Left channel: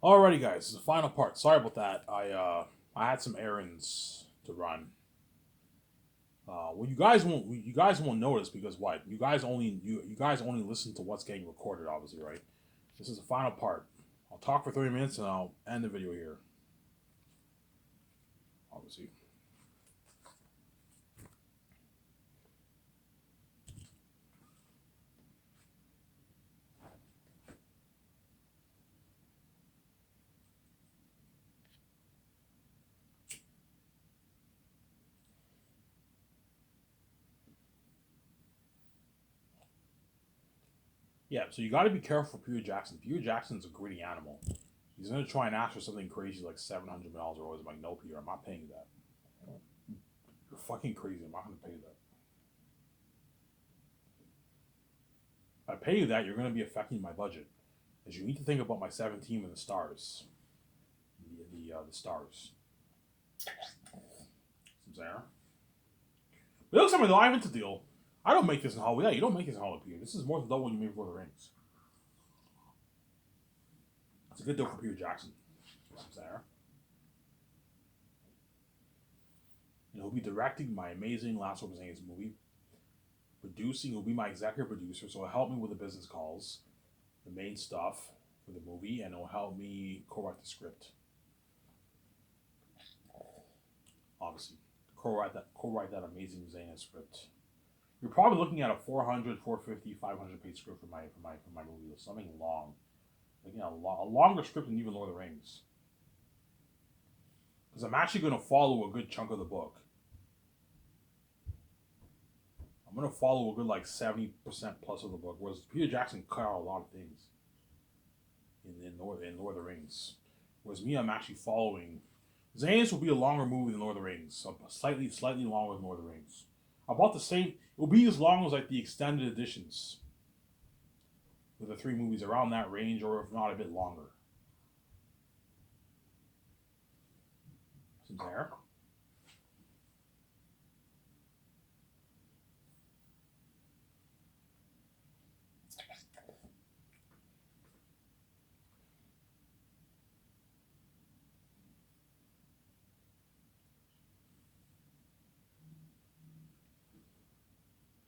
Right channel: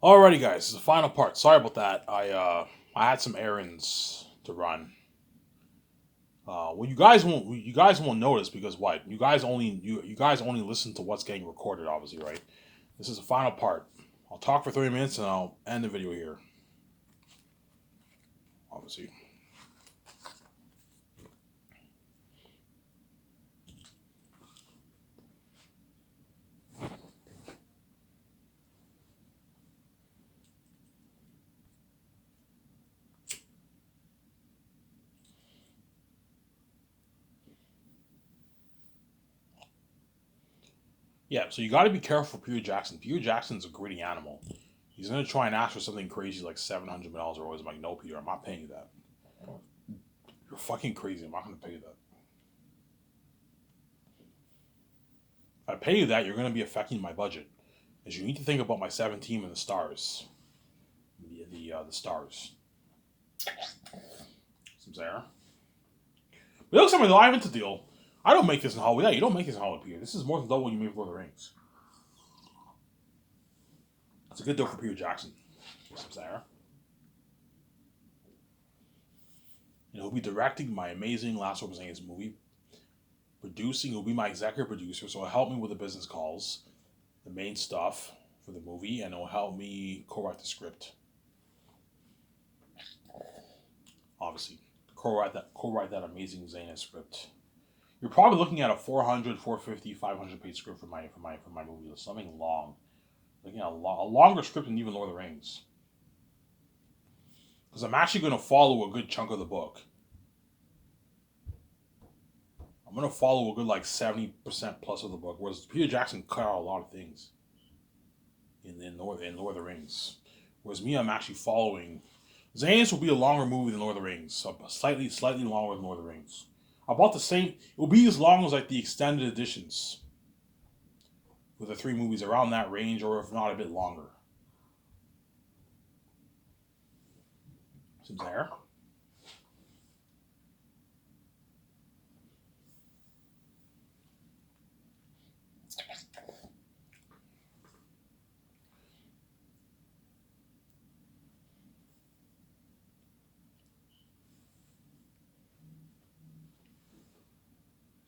Alrighty, guys, this is the final part. Sorry about that. I had some errands to run. Well, you guys won't notice because what you guys only listen to what's getting recorded, obviously, right? This is the final part. I'll talk for 30 minutes and I'll end the video here, obviously. Yeah, so you got to be careful for Peter Jackson. Peter Jackson's a greedy animal. He's gonna try and ask for something crazy like $700 or always. I'm like, no, Peter, I'm not paying you that. You're fucking crazy. I'm not gonna pay you that. If I pay you that, you're gonna be affecting my budget. As you need to think about my 17 and the stars. The stars. Some there. But it looks like the live into deal. I don't make this in Hollywood. Yeah, you don't make this in Hollywood, Peter. This is more than double what you made for the Rings. It's a good deal for Peter Jackson. Some there. And he'll be directing my amazing Last of Us movie. Producing, he'll be my executive producer, so he'll help me with the business calls, the main stuff for the movie, and he'll help me co-write the script. Obviously, co-write that amazing Zanus script. You're probably looking at a 400, 450, 500 page script for my movie. Something long. Looking at a longer script than even Lord of the Rings. Because I'm actually going to follow a good chunk of the book. I'm going to follow a good like 70% plus of the book, whereas Peter Jackson cut out a lot of things in Lord of the Rings. Whereas me, I'm actually following. Zanus will be a longer movie than Lord of the Rings, so slightly longer than Lord of the Rings. About the same. It will be as long as like the extended editions with the three movies around that range, or if not a bit longer. Seems there.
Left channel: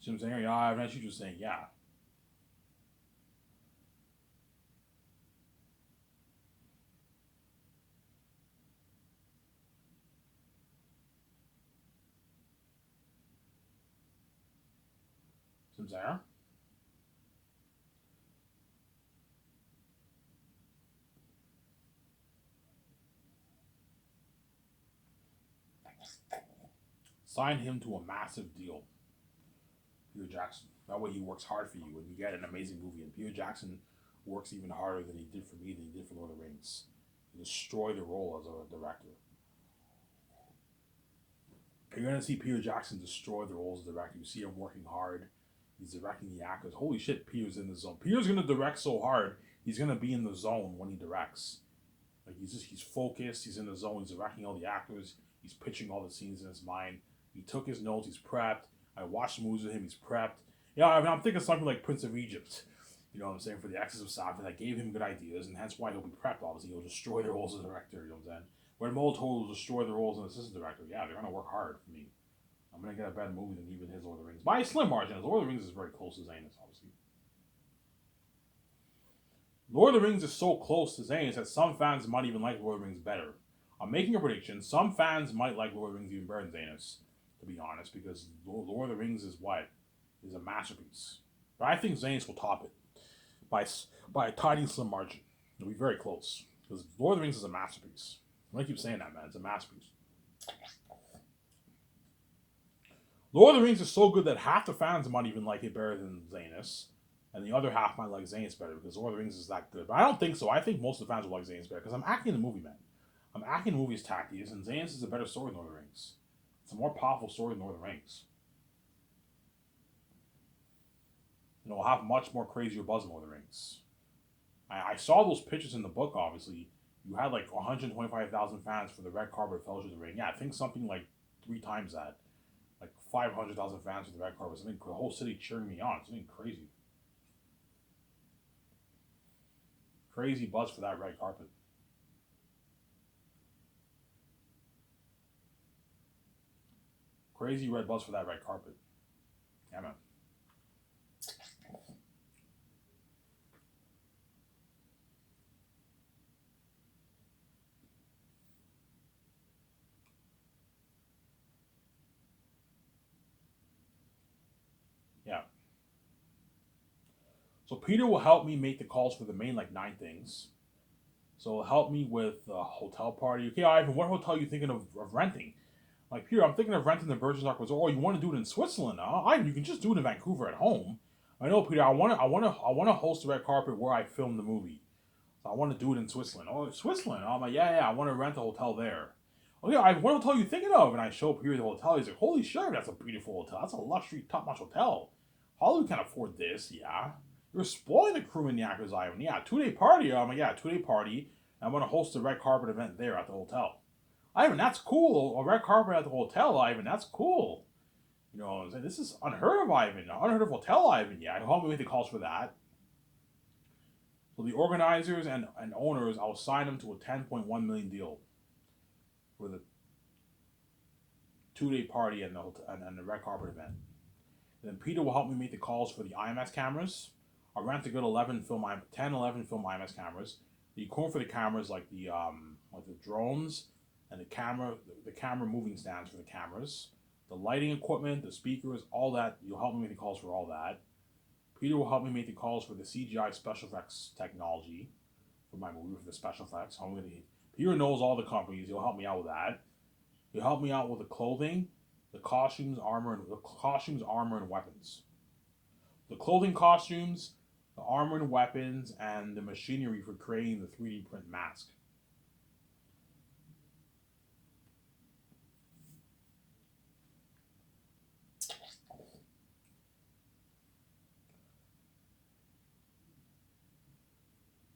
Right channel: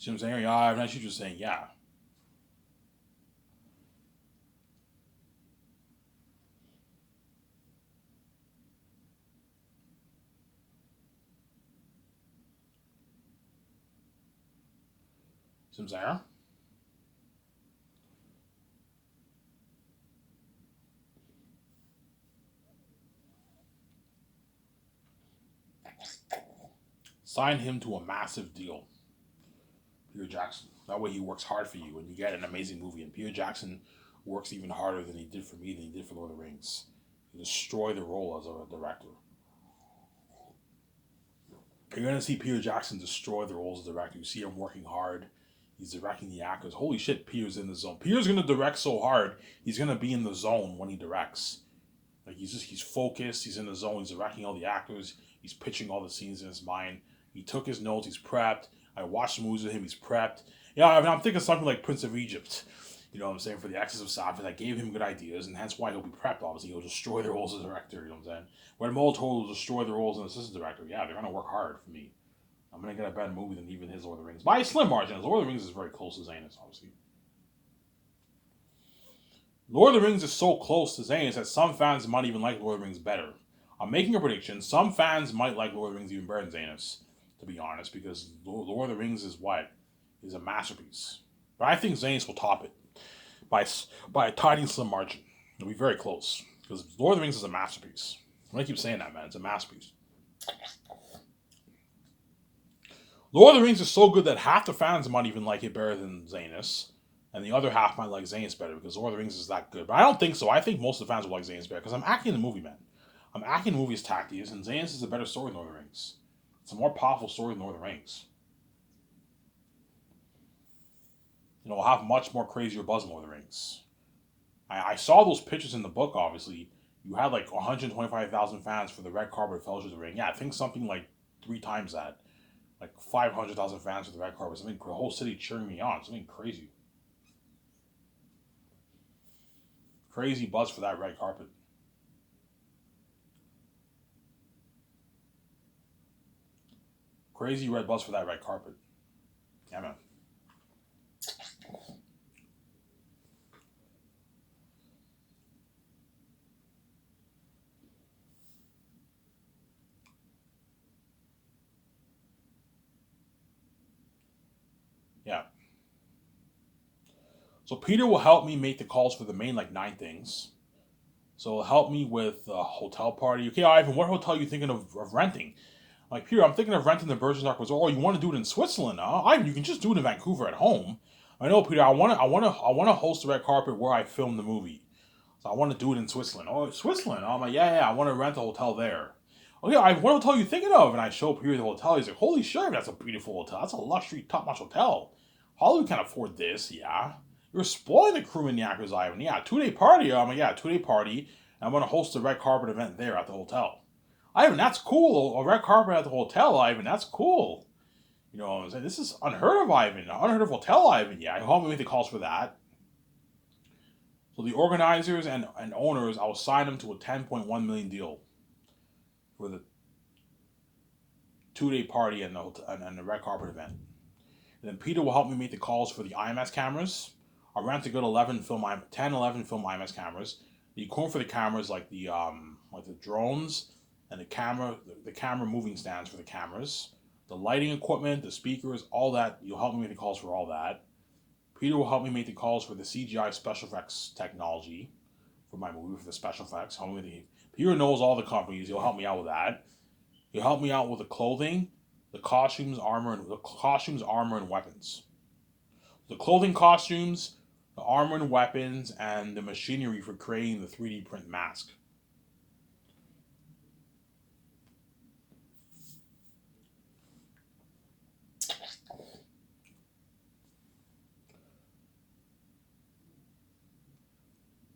See what I'm saying? Yeah, I'm not just saying yeah. See what I'm saying? Sign him to a massive deal, Peter Jackson. That way he works hard for you and you get an amazing movie. And Peter Jackson works even harder than he did for me, than he did for Lord of the Rings. He destroyed the role as a director. You're gonna see Peter Jackson destroy the roles as a director. You see him working hard. He's directing the actors. Holy shit, Peter's in the zone. Peter's gonna direct so hard, he's gonna be in the zone when he directs. Like he's focused, he's in the zone, he's directing all the actors, he's pitching all the scenes in his mind. He took his notes, he's prepped. I watched movies with him, he's prepped. Yeah, I mean, I'm thinking something like Prince of Egypt. You know what I'm saying? For the Axis of Safin, that gave him good ideas, and hence why he'll be prepped, obviously. He'll destroy the roles as a director, you know what I'm saying? When Molotov will destroy the roles as an assistant director, yeah, they're gonna work hard for me. I'm gonna get a better movie than even his Lord of the Rings. By a slim margin, Lord of the Rings is very close to Zanus, obviously. Lord of the Rings is so close to Zanus that some fans might even like Lord of the Rings better. I'm making a prediction. Some fans might like Lord of the Rings even better than Zanus, to be honest, because Lord of the Rings is what? Is a masterpiece. But I think Zanus will top it by by a tiny slim margin. It'll be very close because Lord of the Rings is a masterpiece. I keep saying that, man. It's a masterpiece. Lord of the Rings is so good that half the fans might even like it better than Zanus, and the other half might like Zanus better because Lord of the Rings is that good. But I don't think so. I think most of the fans will like Zanus better because I'm acting the movie, man. I'm acting the movie as Tactius, and Zanus is a better story than Lord of the Rings. It's a more powerful story than Lord of the Rings. You know, will have much more crazier buzz than Lord of the Rings. I saw those pictures in the book, obviously. You had like 125,000 fans for the Red Carpet Fellowship of the Ring. Yeah, I think something like three times that. Like 500,000 fans for the Red Carpet. Something, the whole city cheering me on. Something crazy. Crazy buzz for that Red Carpet. crazy red bus for that red carpet. Yeah, man. Yeah. So Peter will help me make the calls for the main like 9 things. So it'll help me with a hotel party. Okay, Ivan, what hotel are you thinking of renting? Like, Peter, I'm thinking of renting the Bergerac Resort. Oh, you want to do it in Switzerland? Ivan, you can just do it in Vancouver at home. I know, Peter. I want to host the red carpet where I filmed the movie. So I want to do it in Switzerland. Oh, Switzerland. I'm like, yeah. I want to rent a hotel there. Oh yeah, Ivan, what hotel are you thinking of? And I show Peter the hotel. He's like, holy shit, that's a beautiful hotel. That's a luxury, top-notch hotel. Hollywood can afford this. Yeah. You're spoiling the crew in Yakuza, Ivan. Yeah, 2-day party. I'm like, yeah, 2-day party. I'm going to host a red carpet event there at the hotel. Ivan, that's cool. A red carpet at the hotel, Ivan. That's cool. You know what I'm saying? This is unheard of, Ivan. Unheard of hotel, Ivan. Yeah, help me make the calls for that. So the organizers and owners, I will sign them to a 10.1 million deal for the 2-day party and the red carpet event. And then Peter will help me make the calls for the IMS cameras. I'll rent a good 10, 11 film IMS cameras. The equipment for the cameras, like the drones and the camera moving stands for the cameras, the lighting equipment, the speakers, all that. You'll help me make the calls for all that. Peter will help me make the calls for the CGI special effects technology for my movie, for the special effects. Peter knows all the companies. He'll help me out with that. He'll help me out with the clothing, the costumes, armor, and weapons. The clothing, costumes, the armor and weapons, and the machinery for creating the 3D print mask.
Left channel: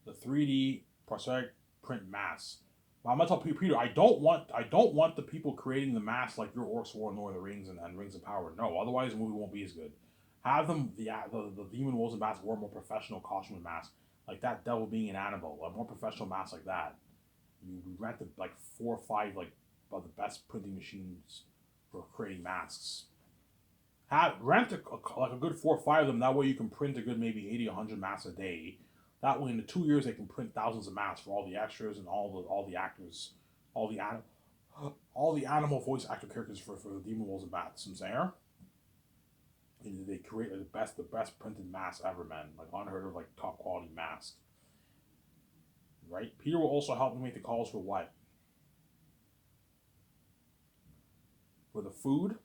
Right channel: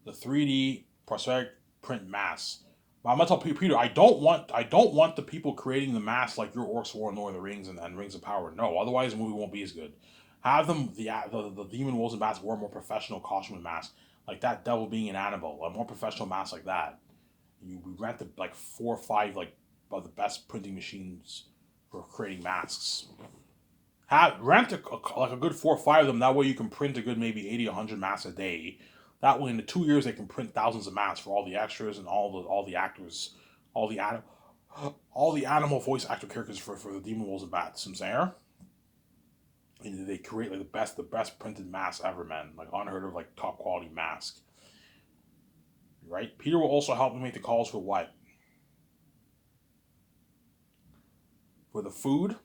The 3D prosthetic print masks. But I'm gonna tell Peter, I don't want the people creating the masks like your Orcs War, Lord of the Rings, and Rings of Power. No, otherwise the movie won't be as good. Have them the Demon Wolves and Bats wear more professional costume and masks, like that devil being an Annabelle, a more professional mask like that. We rented like 4 or 5 like of the best printing machines for creating masks. Rent like a good 4 or 5 of them. That way you can print a good maybe 80, 100 masks a day. That way in the 2 years they can print thousands of masks for all the extras and all the actors, all the all the animal voice actor characters for the Demon Wolves and Bats. I'm saying, and they create like the best printed mask ever, man. Like unheard of, like top quality mask. Right. Peter will also help me make the calls for what? For the food.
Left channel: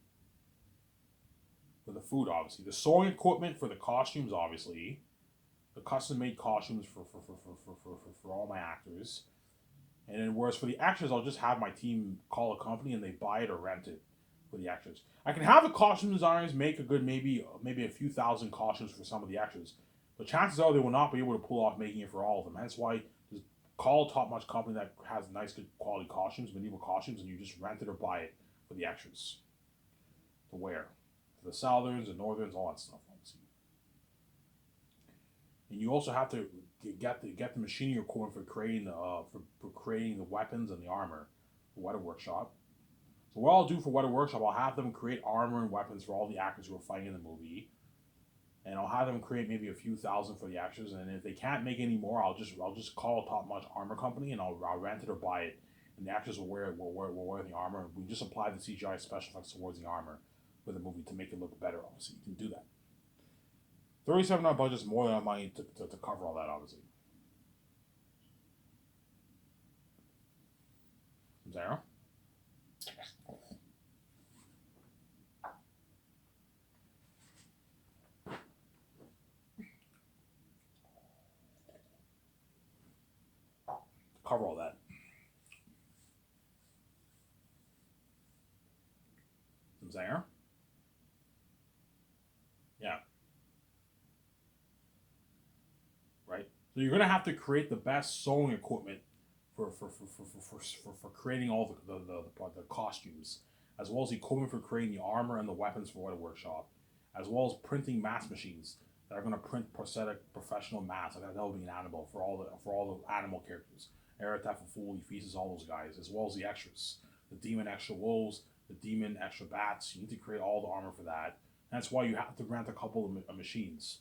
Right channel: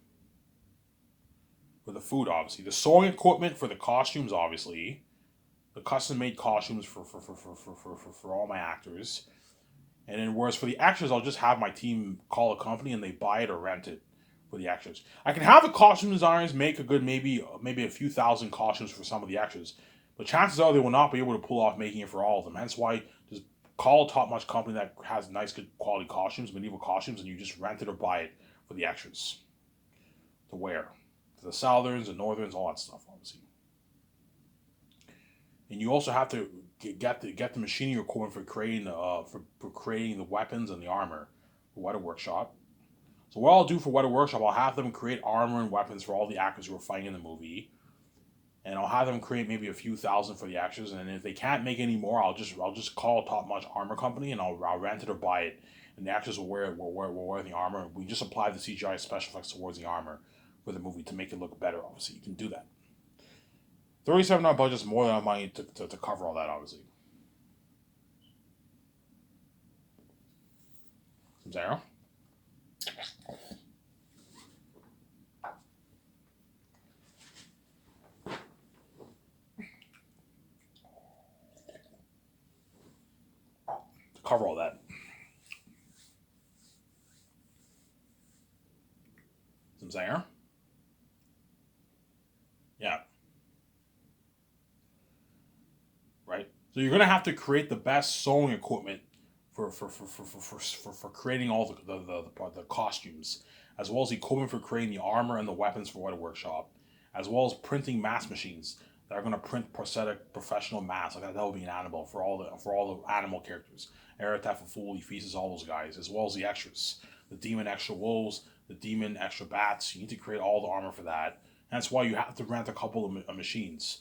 For the food, obviously. The sewing equipment for the costumes, obviously. The custom made costumes for all my actors. And then whereas for the extras, I'll just have my team call a company and they buy it or rent it for the extras. I can have the costume designers make a good maybe a few thousand costumes for some of the extras, but chances are they will not be able to pull off making it for all of them. Hence why just call a top notch company that has nice good quality costumes, medieval costumes, and you just rent it or buy it for the extras to wear. For the Southerns and Northerns, all that stuff, obviously. And you also have to get the machining equipment for creating the weapons and the armor for Weta Workshop. So what I'll do for Weta Workshop, I'll have them create armor and weapons for all the actors who are fighting in the movie, and I'll have them create maybe a few thousand for the actors. And if they can't make any more, I'll just call a top notch armor company and I'll rent it or buy it, and the actors will wear the armor. We just apply the CGI special effects towards the armor for the movie to make it look better. Obviously, you can do that. $37 budget is more than enough money to cover all that, obviously. Zara? To cover all that. Zara? Yeah. Right? So you're gonna have to create the best sewing equipment for creating all the costumes, as well as equipment for creating the armor and the weapons for Weta Workshop, as well as printing mask machines that are gonna print prosthetic professional masks. Like that will be an animal for all the animal characters. Eretef, Fuli, Feces, all those guys, as well as the extras, the demon extra wolves, the demon extra bats. You need to create all the armor for that. That's why you have to rent a couple of machines.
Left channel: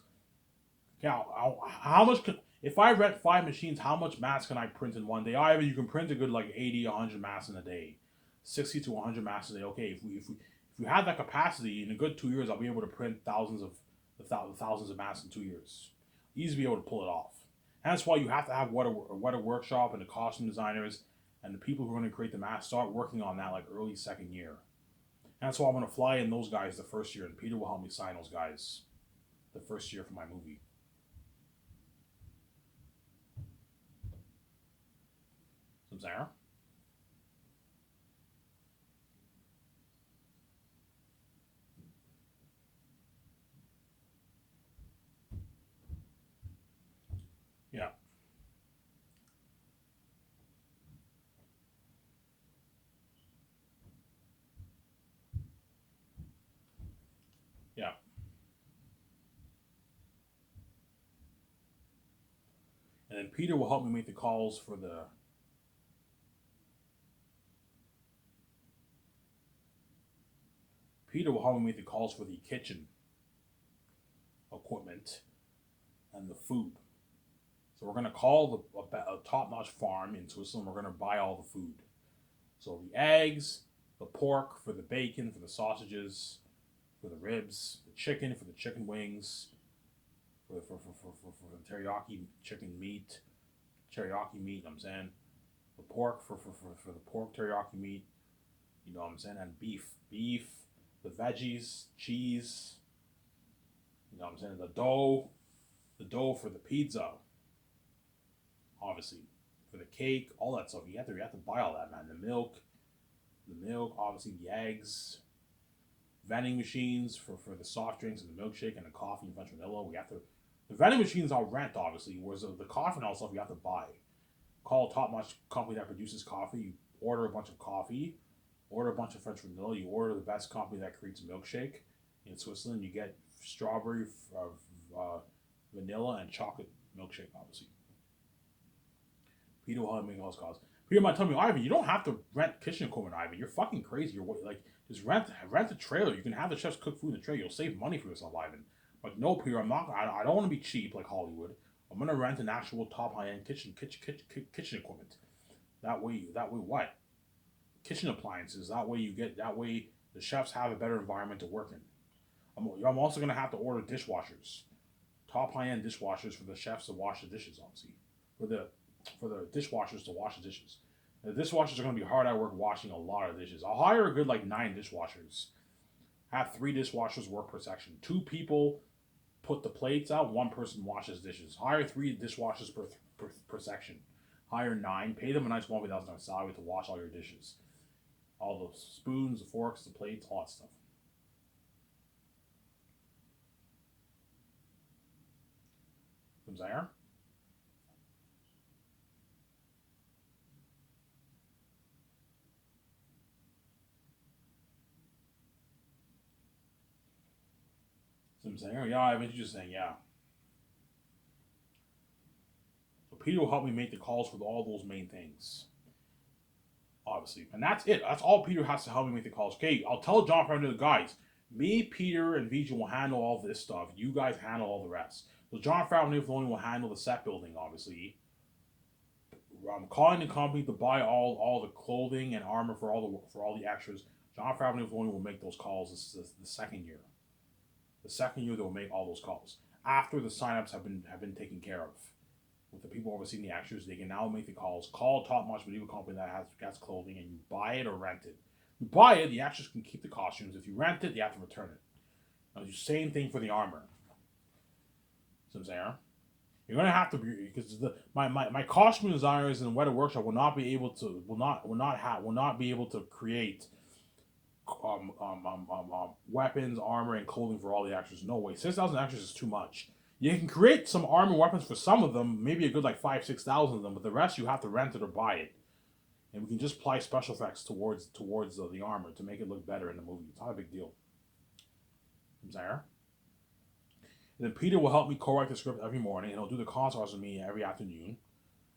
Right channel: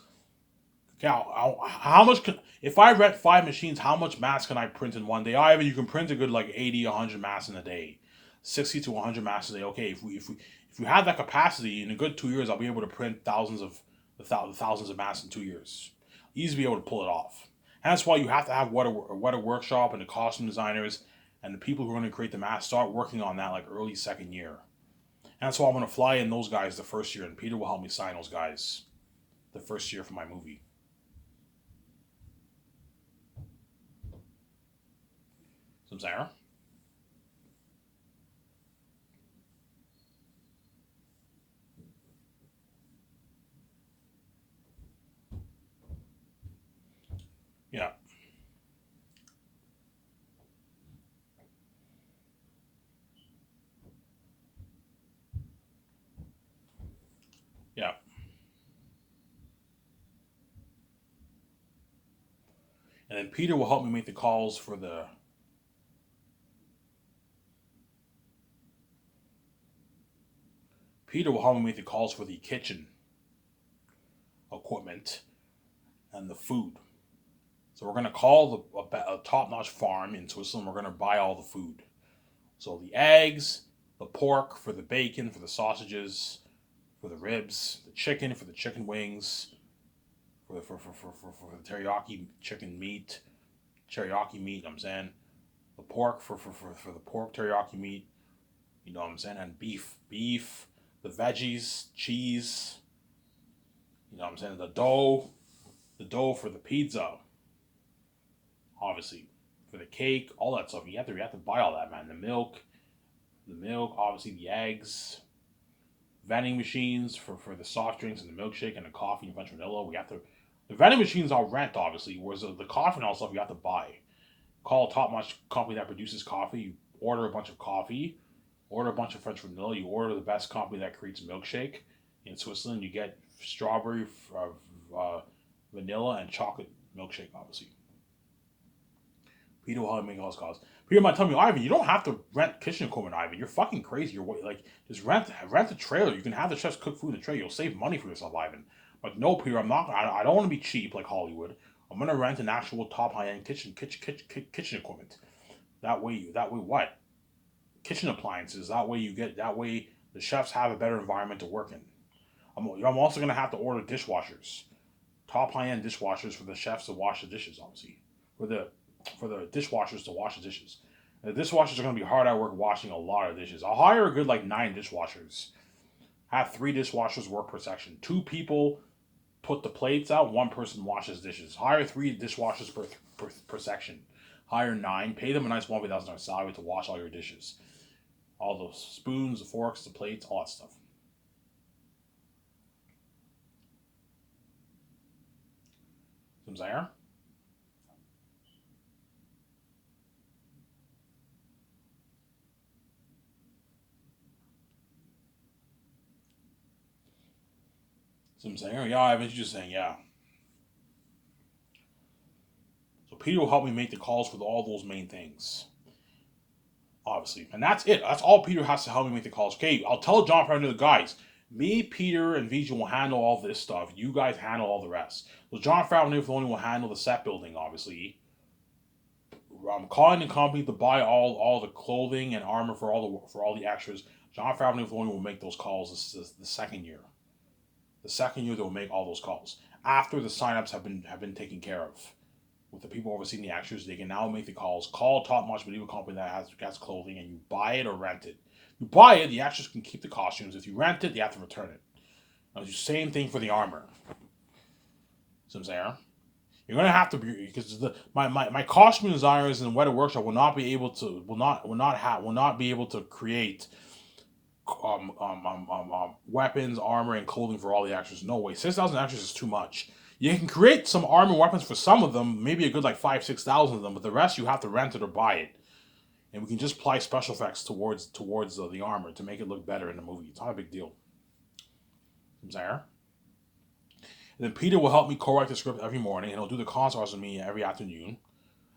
Okay, how much can, if I rent 5 machines, how much mass can I print in one day? You can print a good like 80, 100 mass in a day, 60 to 100 mass a day. Okay, if we had that capacity in a good 2 years, I'll be able to print thousands of mass in 2 years. Easily be able to pull it off. And that's why you have to have what a workshop and the costume designers and the people who are going to create the mask start working on that like early second year. And that's why I'm going to fly in those guys the first year, and Peter will help me sign those guys the first year for my movie. Some Sarah? Yeah. Yeah. And then Peter will help me make the calls for the. Peter will help me make the calls for the kitchen equipment and the food. So we're going to call a top-notch farm in Switzerland. We're going to buy all the food. So the eggs, the pork for the bacon, for the sausages, for the ribs, the chicken for the chicken wings, for the teriyaki chicken meat, teriyaki meat, I'm saying. The pork for the pork teriyaki meat, you know what I'm saying? And beef, the veggies, cheese, you know what I'm saying? The dough for the pizza, obviously, for the cake, all that stuff. You have to buy all that, man. The milk, obviously the eggs, vending machines for the soft drinks and the milkshake and the coffee and French vanilla. The vending machines I'll rent, obviously, whereas the coffee and all stuff you have to buy. Call a top notch company that produces coffee. You order a bunch of coffee, order a bunch of French vanilla. You order the best company that creates a milkshake in Switzerland. You get strawberry, vanilla, and chocolate milkshake, obviously. Peter will help me make all those calls. Peter might tell me, Ivan, you don't have to rent kitchen equipment, Ivan. You're fucking crazy. Just rent a trailer. You can have the chefs cook food in the trailer. You'll save money for yourself, Ivan. Like, no, Peter, I'm not. I don't want to be cheap like Hollywood. I'm gonna rent an actual top high end kitchen equipment. That way, what? Kitchen appliances. That way the chefs have a better environment to work in. I'm also gonna have to order dishwashers, top high end dishwashers for the chefs to wash the dishes, obviously, for the dishwashers to wash the dishes. And the dishwashers are gonna be hard at work washing a lot of dishes. I'll hire a good like 9 dishwashers. Have 3 dishwashers work per section. 2 people put the plates out. 1 person washes dishes. Hire 3 dishwashers per section. Hire 9. Pay them a nice $1,000 salary to wash all your dishes. All the spoons, the forks, the plates, all that stuff. Some Zaire? Some Zaire? Yeah, I was just saying, yeah. So Peter will help me make the calls for all those main things. Obviously. And that's it. That's all Peter has to help me make the calls. Okay, I'll tell John Favreau, the guys, me, Peter, and Vijay will handle all this stuff. You guys handle all the rest. So John Favreau only will handle the set building, obviously. I'm calling the company to buy all the clothing and armor for all the extras. John Favreau only will make those calls the second year. The second year they will make all those calls. After the signups have been taken care of. With the people overseeing the extras, they can now make the calls. Call a top-notch medieval company that has clothing, and you buy it or rent it. You buy it, the extras can keep the costumes. If you rent it, you have to return it. Now, the same thing for the armor. So I'm saying, you're gonna have to be because my costume designers in Weta Workshop will not be able to will not be able to create weapons, armor, and clothing for all the extras. No way, 6,000 extras is too much. You can create some armor and weapons for some of them, maybe a good like 5,000-6,000 of them, but the rest you have to rent it or buy it. And we can just apply special effects towards the armor to make it look better in the movie. It's not a big deal. There. And then Peter will help me co-write the script every morning, and he'll do the consults with me every afternoon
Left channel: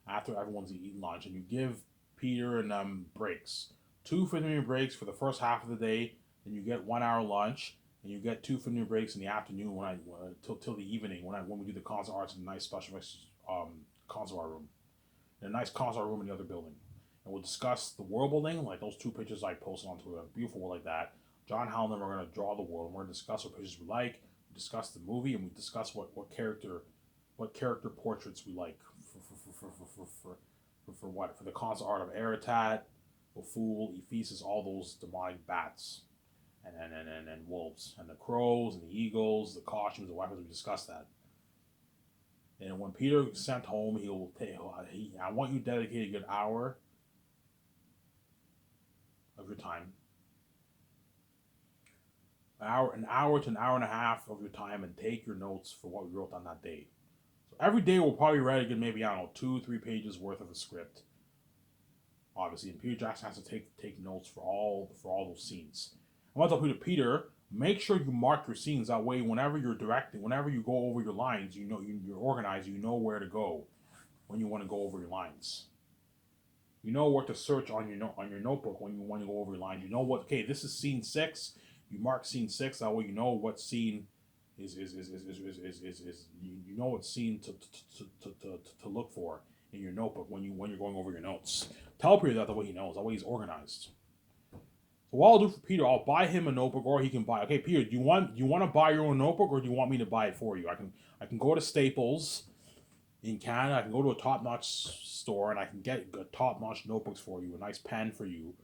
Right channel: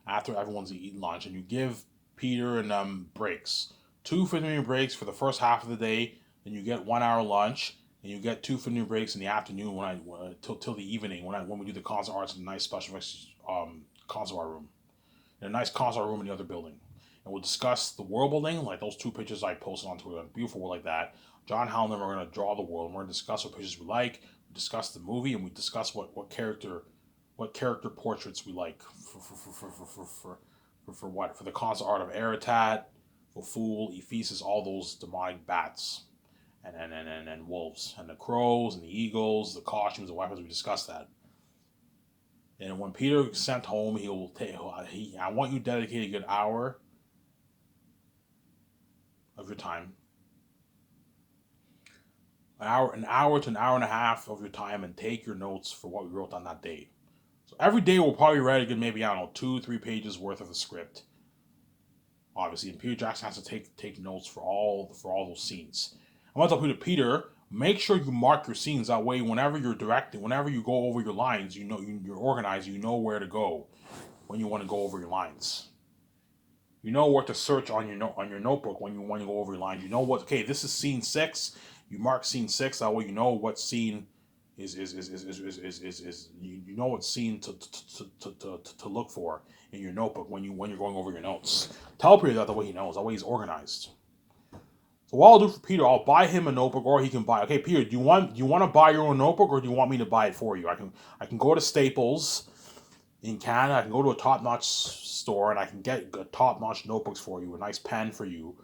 after everyone's eaten lunch. And you give Peter and breaks 2 15-minute breaks for the first half of the day, then you get 1 hour lunch, and you get 2 15-minute breaks in the afternoon till the evening when we do the concert arts in a nice special effects concert art room, in a nice concert room in the other building. And we'll discuss the world building, like those 2 pictures I posted on Twitter, beautiful world like that. John Howland and I are going to draw the world, and we're going to discuss what pictures we like, we discuss the movie, and we discuss what character portraits we like for the concert art of Aratat, Fool, Ephesus, all those demonic bats, and wolves, and the crows, and the eagles, the costumes, the weapons. We discussed that. And when Peter is sent home, I want you to dedicate a good hour of your time, an hour to an hour and a half of your time, and take your notes for what we wrote on that day. So every day we'll probably write a good, maybe, I don't know, 2-3 pages worth of the script. Obviously, and Peter Jackson has to take notes for all those scenes. I want to tell Peter, make sure you mark your scenes. That way, whenever you're directing, whenever you go over your lines, you know you're organized. You know where to go when you want to go over your lines. You know what to search on your notebook when you go over your lines. You know what? Okay, this is scene 6. You mark scene 6. That way, you know what scene is you know what scene to look for in your notebook when you're going over your notes. Tell Peter that the way he knows. That way he's organized. So what I'll do for Peter, I'll buy him a notebook, or he can buy. Okay, Peter, do you want to buy your own notebook, or do you want me to buy it for you? I can go to Staples in Canada. I can go to a top-notch store, and I can get top-notch notebooks for you. A nice pen for you,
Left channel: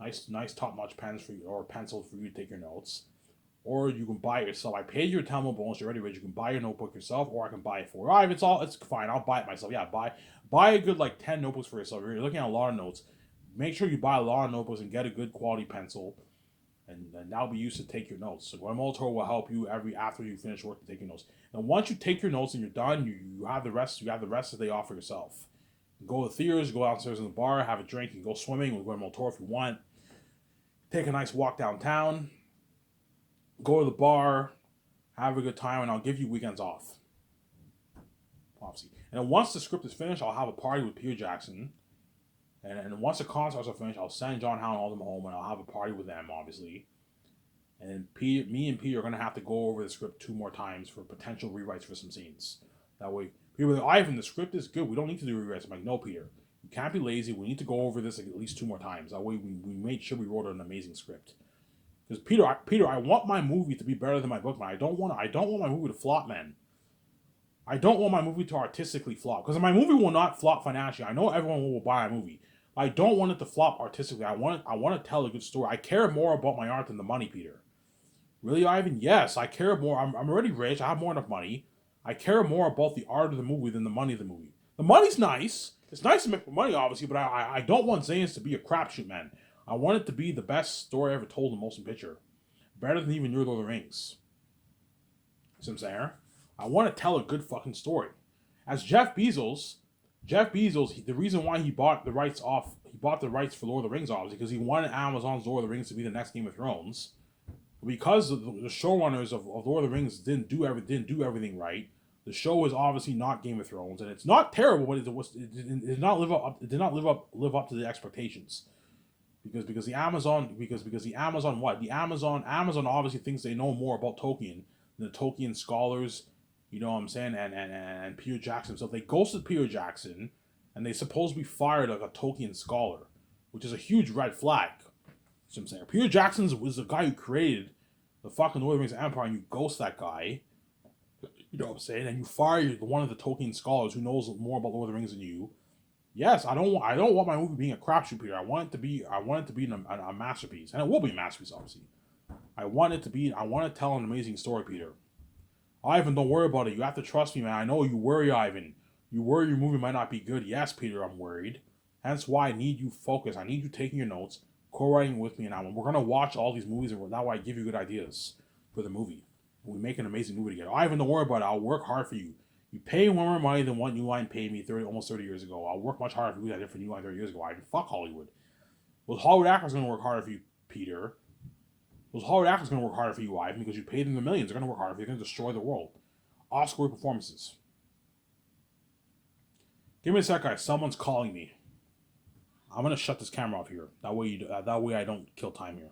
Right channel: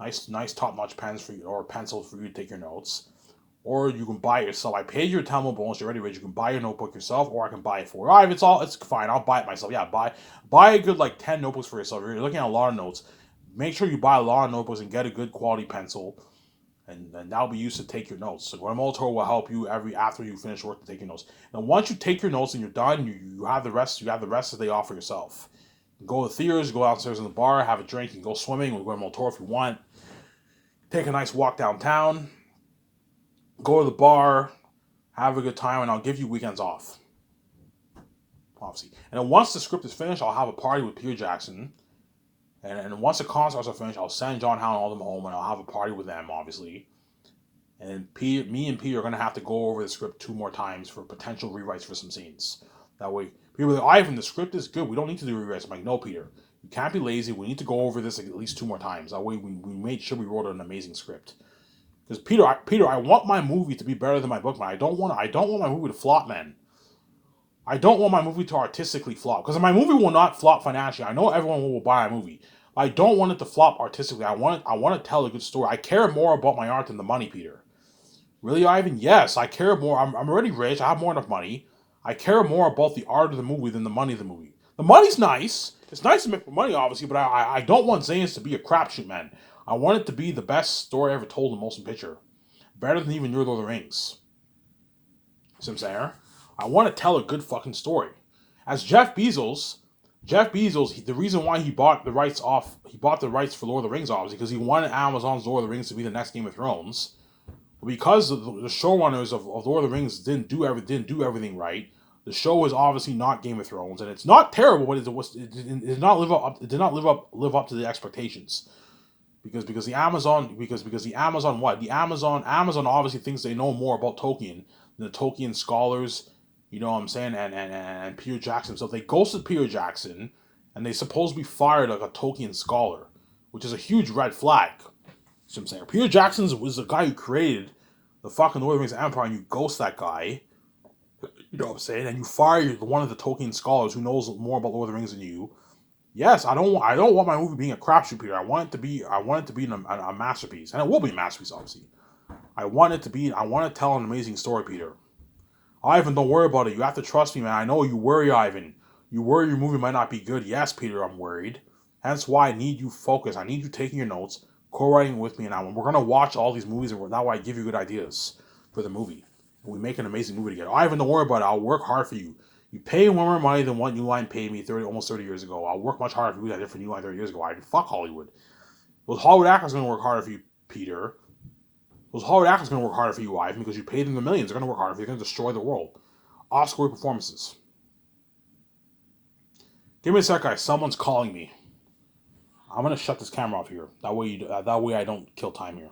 nice top-notch pens for you, or pencils for you to take your notes. Or you can buy it yourself. I paid your Tamil bonus. You're already rich. You can buy your notebook yourself, or I can buy it for you. It's fine. I'll buy it myself. Yeah, buy a good 10 notebooks for yourself. If you're looking at a lot of notes, make sure you buy a lot of notebooks and get a good quality pencil, and that'll be used to take your notes. So Guillermo del Toro will help you after you finish work to take your notes. Now, once you take your notes and you're done, you have the rest. You have the rest of the day off for yourself. You go to the theaters, go downstairs in the bar, have a drink, and go swimming with Guillermo del Toro if you want. Take a nice walk downtown. Go to the bar, have a good time, and I'll give you weekends off. Obviously. And then once the script is finished, I'll have a party with Peter Jackson. And once the concerts are finished, I'll send John Howland all them home, and I'll have a party with them, obviously. And me and Peter are going to have to go over the script 2 more times for potential rewrites for some scenes. That way, people are like, Ivan, the script is good. We don't need to do rewrites. I'm like, no, Peter. You can't be lazy. We need to go over this at least 2 more times. That way, we made sure we wrote an amazing script. Because Peter, I want my movie to be better than my book, man. I don't want my movie to flop, man. I don't want my movie to artistically flop. Because my movie will not flop financially. I know everyone will buy a movie. I don't want it to flop artistically. I want to tell a good story. I care more about my art than the money, Peter. Really, Ivan? Yes, I care more. I'm already rich. I have more enough money. I care more about the art of the movie than the money of the movie. The money's nice. It's nice to make money, obviously, but I don't want Zane's to be a crapshoot, man. I want it to be the best story ever told in motion picture. Better than even Your Lord of the Rings. See what I'm saying? I want to tell a good fucking story. As Jeff Bezos, the reason why he bought the rights for Lord of the Rings, obviously, because he wanted Amazon's Lord of the Rings to be the next Game of Thrones. Because the showrunners of Lord of the Rings didn't do everything right. The show is obviously not Game of Thrones, and it's not terrible, but it did not live up to the expectations. Because the Amazon obviously thinks they know more about Tolkien than the Tolkien scholars, you know what I'm saying, and Peter Jackson. So they ghosted Peter Jackson, and they supposedly fired like a Tolkien scholar, which is a huge red flag. So I'm saying Peter Jackson was the guy who created the fucking Lord of the Rings Empire, and you ghost that guy, you know what I'm saying, and you fire one of the Tolkien scholars who knows more about Lord of the Rings than you. Yes, I don't want my movie being a crapshoot, Peter. I want it to be a masterpiece, and it will be a masterpiece, obviously. I want to tell an amazing story, Peter. Ivan, don't worry about it. You have to trust me, man. I know you worry, Ivan. You worry your movie might not be good. Yes, Peter, I'm worried. Hence why I need you focused. I need you taking your notes, co-writing with me, and we're gonna watch all these movies, and that way I give you good ideas for the movie. And we make an amazing movie together. Ivan, don't worry about it. I'll work hard for you. You pay way more money than what New Line paid me almost 30 years ago. I'll work much harder for you than I did for New Line 30 years ago. I fuck Hollywood. Those Hollywood actors are going to work harder for you, Peter. Those Hollywood actors are going to work harder for you, Ivan, because you paid them the millions. They're going to work harder for you. They're going to destroy the world. Oscar performances. Give me a sec, guys. Someone's calling me. I'm gonna shut this camera off here. That way I don't kill time here.